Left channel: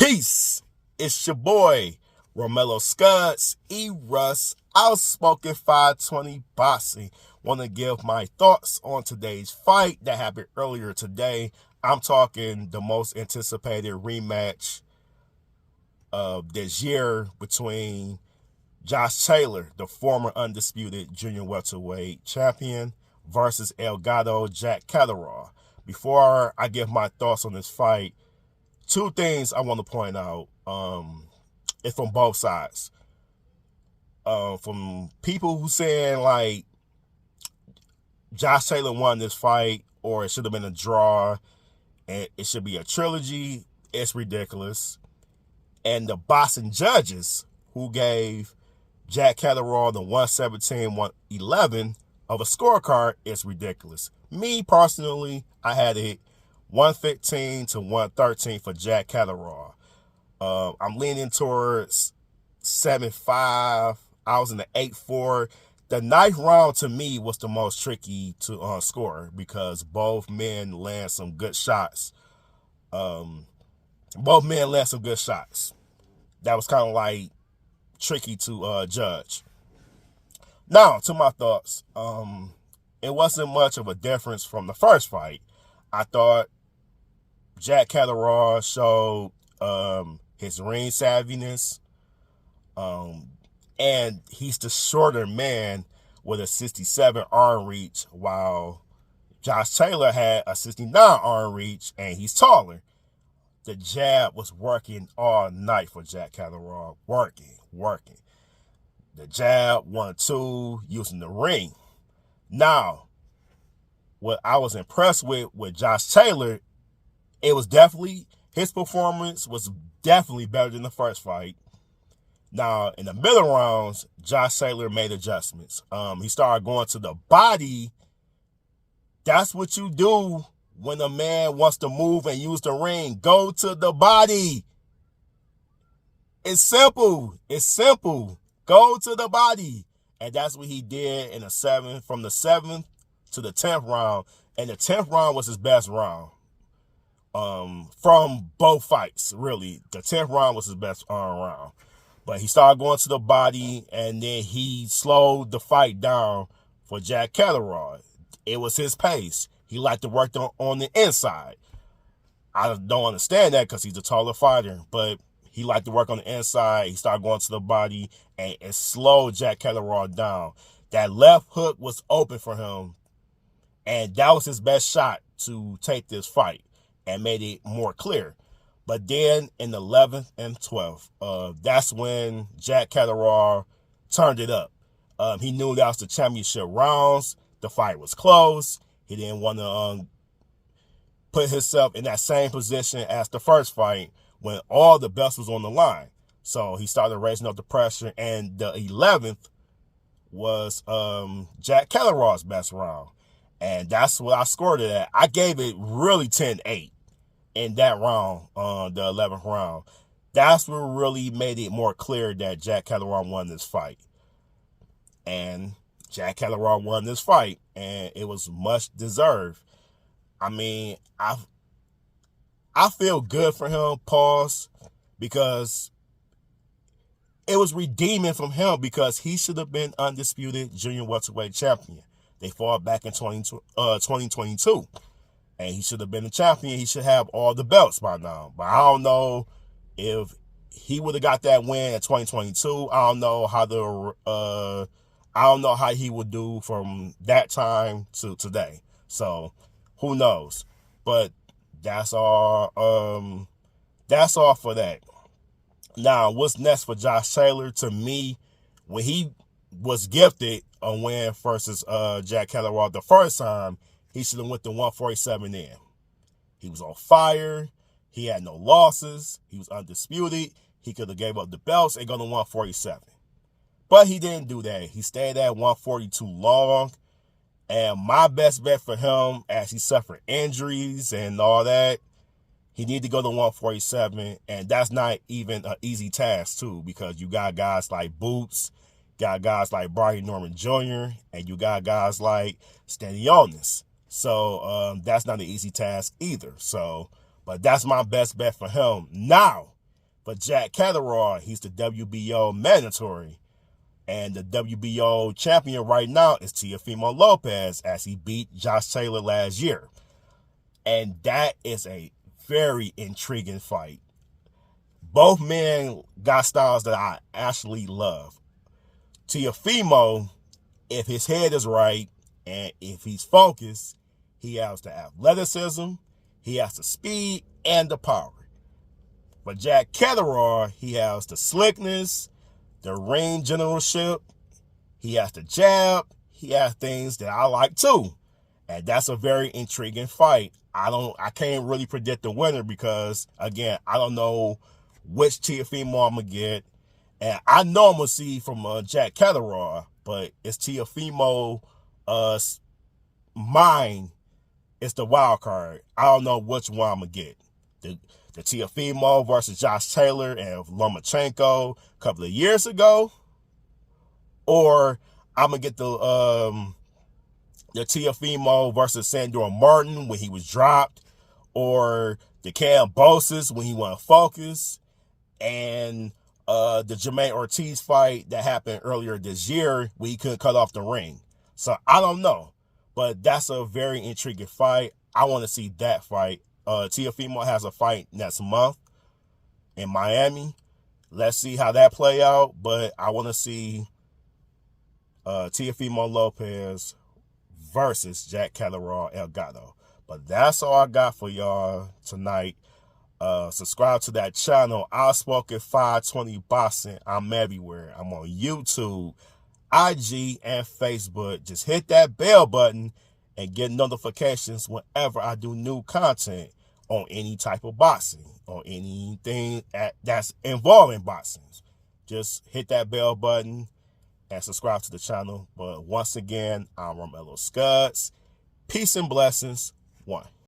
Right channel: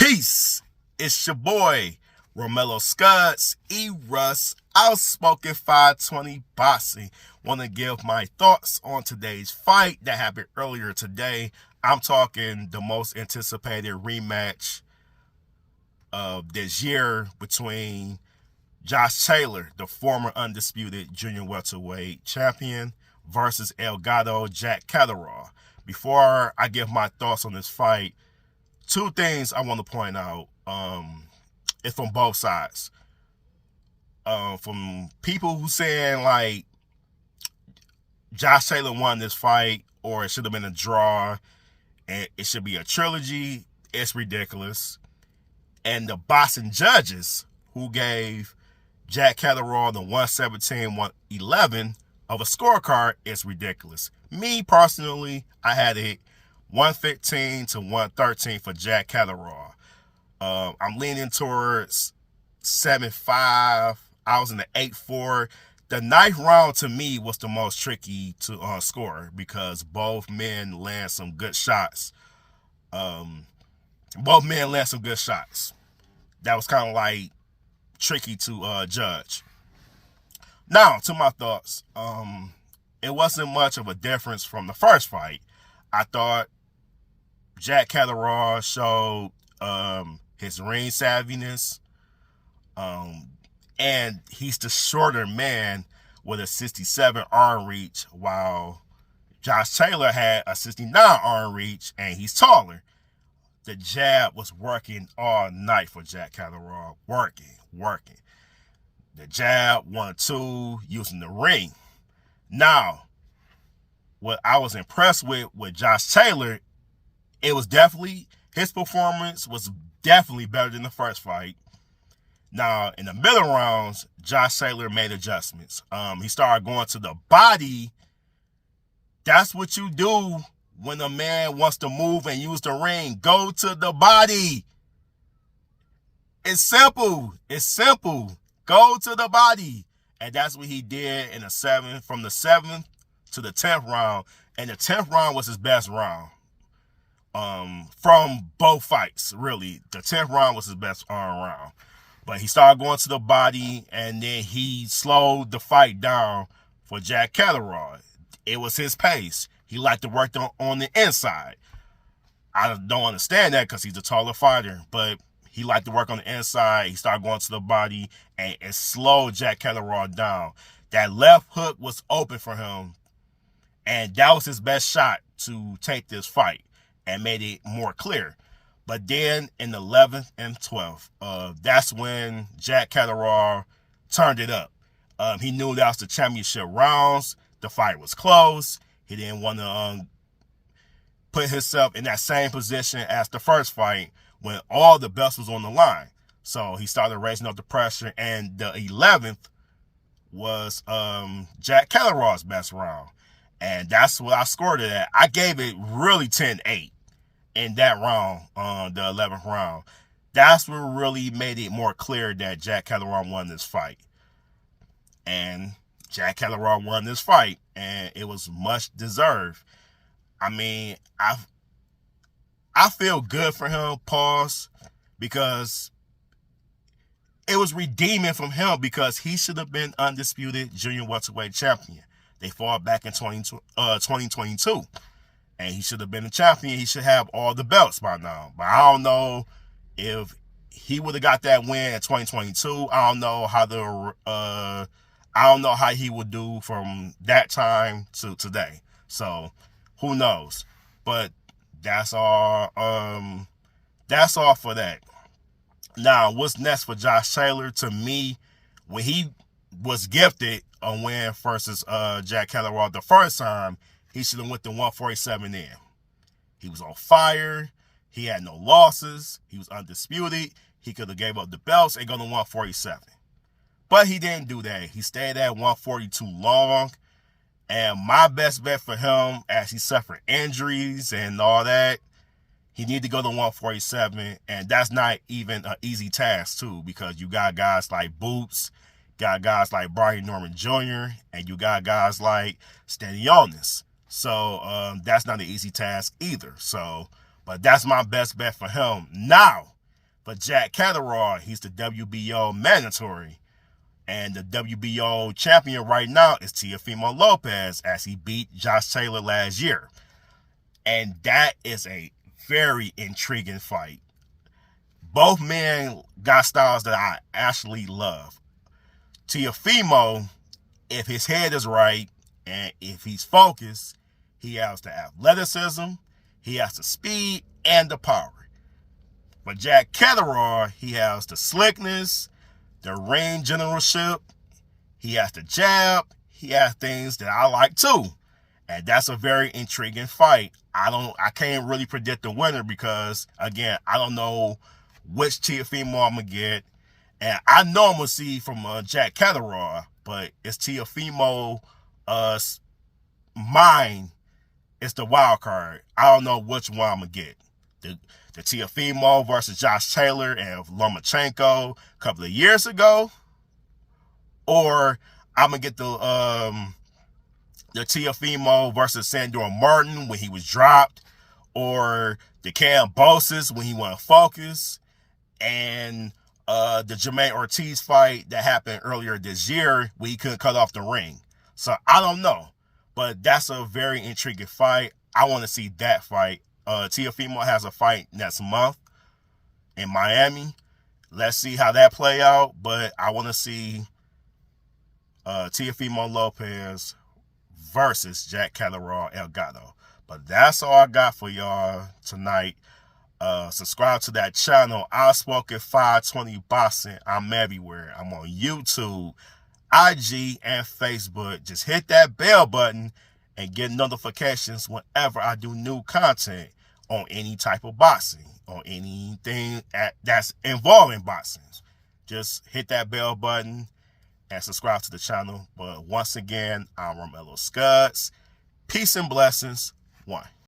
Peace. It's your boy, Romello Scuds, E-Russ, Outspoken 520 Boxing. Want to give my thoughts on today's fight that happened earlier today. I'm talking the most anticipated rematch of this year between Josh Taylor, the former undisputed junior welterweight champion, versus El Gato Jack Catterall. Before I give my thoughts on this fight, two things I want to point out. It's from both sides. From people who saying like Josh Taylor won this fight, or it should have been a draw, and it should be a trilogy. It's ridiculous. And the boxing judges who gave Jack Catterall the 117-111 of a scorecard is ridiculous. Me personally, I had it 115 to 113 for Jack Catterall. I'm leaning towards 7-5. I was in the 8-4. The ninth round to me was the most tricky to score because both men land some good shots. Both men land some good shots. That was kind of like tricky to judge. Now, to my thoughts. It wasn't much of a difference from the first fight. I thought Jack Catterall showed his ring savviness. And he's the shorter man with a 67 arm reach, while Josh Taylor had a 69 arm reach, and he's taller. The jab was working all night for Jack Catterall. Working. The jab, 1-2, using the ring. Now, what I was impressed with Josh Taylor, his performance was definitely better than the first fight. Now, in the middle rounds, Josh Taylor made adjustments. He started going to the body. That's what you do when a man wants to move and use the ring. Go to the body. It's simple. Go to the body. And that's what he did in from the 7th to the 10th round. And the 10th round was his best round. From both fights, really. The 10th round was his best round. But he started going to the body, and then he slowed the fight down for Jack Catterall. It was his pace. He liked to work on the inside. I don't understand that because he's a taller fighter, but he liked to work on the inside. He started going to the body, and it slowed Jack Catterall down. That left hook was open for him, and that was his best shot to take this fight and made it more clear. But then in the 11th and 12th, that's when Jack Catterall turned it up. He knew that was the championship rounds. The fight was close. He didn't want to put himself in that same position as the first fight when all the belts was on the line. So he started raising up the pressure, and the 11th was Jack Catterall's best round. And that's what I scored it at. I gave it really 10-8. In that round, the 11th round. That's what really made it more clear that Jack Catterall won this fight. And Jack Catterall won this fight, and it was much deserved. I mean, I feel good for him, because it was redeeming from him because he should have been undisputed junior welterweight champion. They fought back in 2022. And he should have been the champion. He should have all the belts by now. But I don't know if he would have got that win in 2022. I don't know how he would do from that time to today. So who knows? But that's all. That's all for that. Now, what's next for Josh Taylor? To me, when he was gifted a win versus Jack Catterall the first time, he should have went to 147 in. He was on fire. He had no losses. He was undisputed. He could have gave up the belts and gone to 147. But he didn't do that. He stayed at 142 long. And my best bet for him, as he suffered injuries and all that, he needed to go to 147. And that's not even an easy task, too, because you got guys like Boots, got guys like Brian Norman Jr., and you got guys like Stanionis. So that's not an easy task either. So, but that's my best bet for him. Now, For Jack Catterall, he's the WBO mandatory. And the WBO champion right now is Teofimo Lopez, as he beat Josh Taylor last year. And that is a very intriguing fight. Both men got styles that I actually love. Teofimo, if his head is right and if he's focused, he has the athleticism, he has the speed and the power. For Jack Catterall, he has the slickness, the ring generalship, he has the jab, he has things that I like too. And that's a very intriguing fight. I can't really predict the winner because, again, I don't know which Teofimo I'm going to get. And I know I'm going to see from Jack Catterall, but it's Teofimo mine. It's the wild card. I don't know which one I'm going to get. The Teofimo versus Josh Taylor and Lomachenko a couple of years ago, or I'm going to get the Teofimo versus Sandor Martin when he was dropped, or the Cambosis when he went focus, and the Jermaine Ortiz fight that happened earlier this year where he couldn't cut off the ring. So I don't know, but that's a very intriguing fight. I want to see that fight. Teofimo has a fight next month in Miami. Let's see how that play out, but I want to see Teofimo Lopez versus Jack Catterall Elgato. But that's all I got for y'all tonight. Subscribe to that channel, Outspoken 520 Boxing. I'm everywhere. I'm on YouTube, IG, and Facebook. Just hit that bell button and get notifications whenever I do new content on any type of boxing, on anything that's involving boxing. Just hit that bell button and subscribe to the channel. But once again, I'm Romello Scuds. Peace and blessings. One.